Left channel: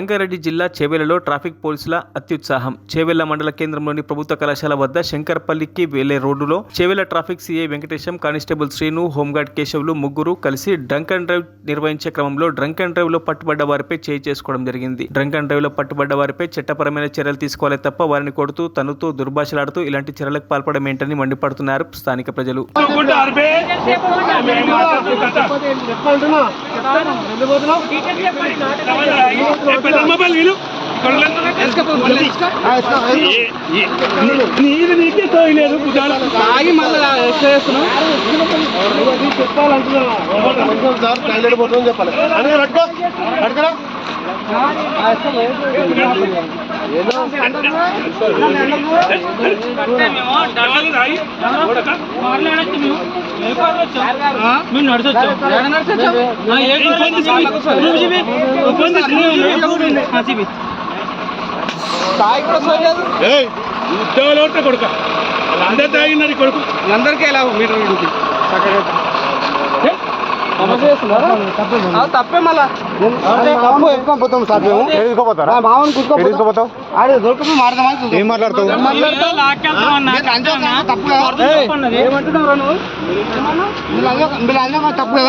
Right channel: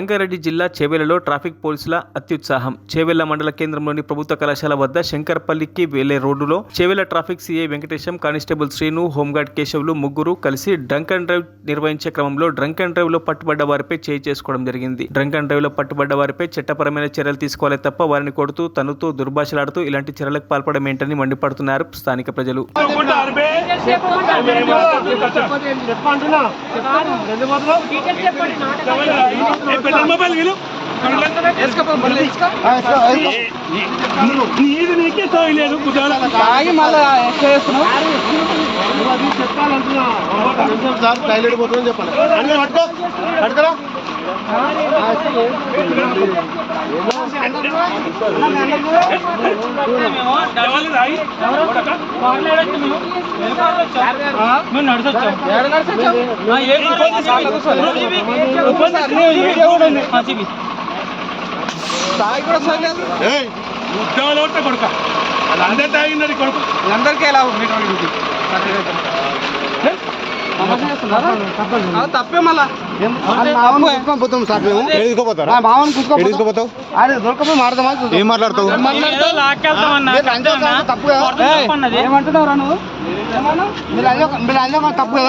రంగారెడ్డి జిల్లా చేవెళ్లలో ట్రాఫిక్ పోలీసుల అత్యుత్సాహం. చేవెళ్ల మండల కేంద్రంలోని ప్రభుత్వ కళాశాల వద్ద శంకర్పల్లికి వెళ్లే రోడ్డులో Chevella traffic CI Venkatesham, constable Srinu, home guard Keshavulu ముగ్గురు కలిసి డ్రంక్ అండ్ డ్రైవ్ నిర్వహించే క్రమంలో డ్రంక్ అండ్ డ్రైవ్ లో పట్టుబడ్డ వారిపై చేయి చేసుకోవడం జరిగింది. డ్రంక్ అండ్ డ్రైవ్ లో పట్టుబడ్డ వారిపై చట్టపరమైన చర్యలు తీసుకోవాలి తప్ప వారిని కొడుతూ, తన్నుతూ, దుర్భాషలాడుతూ ఇలాంటి చర్యలకు పాల్పడడం ఏంటని మండిపడుతున్నారు స్థానిక ప్రజలు. కొడుక అందరు తాగినారు కొడుకు అందరికీ ఎలా తప్పే మళ్ళీ ఏం మాట్లాడతావు? ఏమంటున్నారా నువ్వు? తప్పు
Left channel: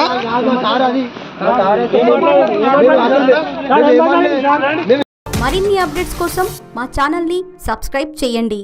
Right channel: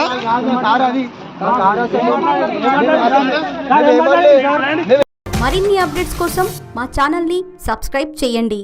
మరిన్ని అప్డేట్స్ కోసం మా ఛానల్ని సబ్స్క్రైబ్ చేయండి.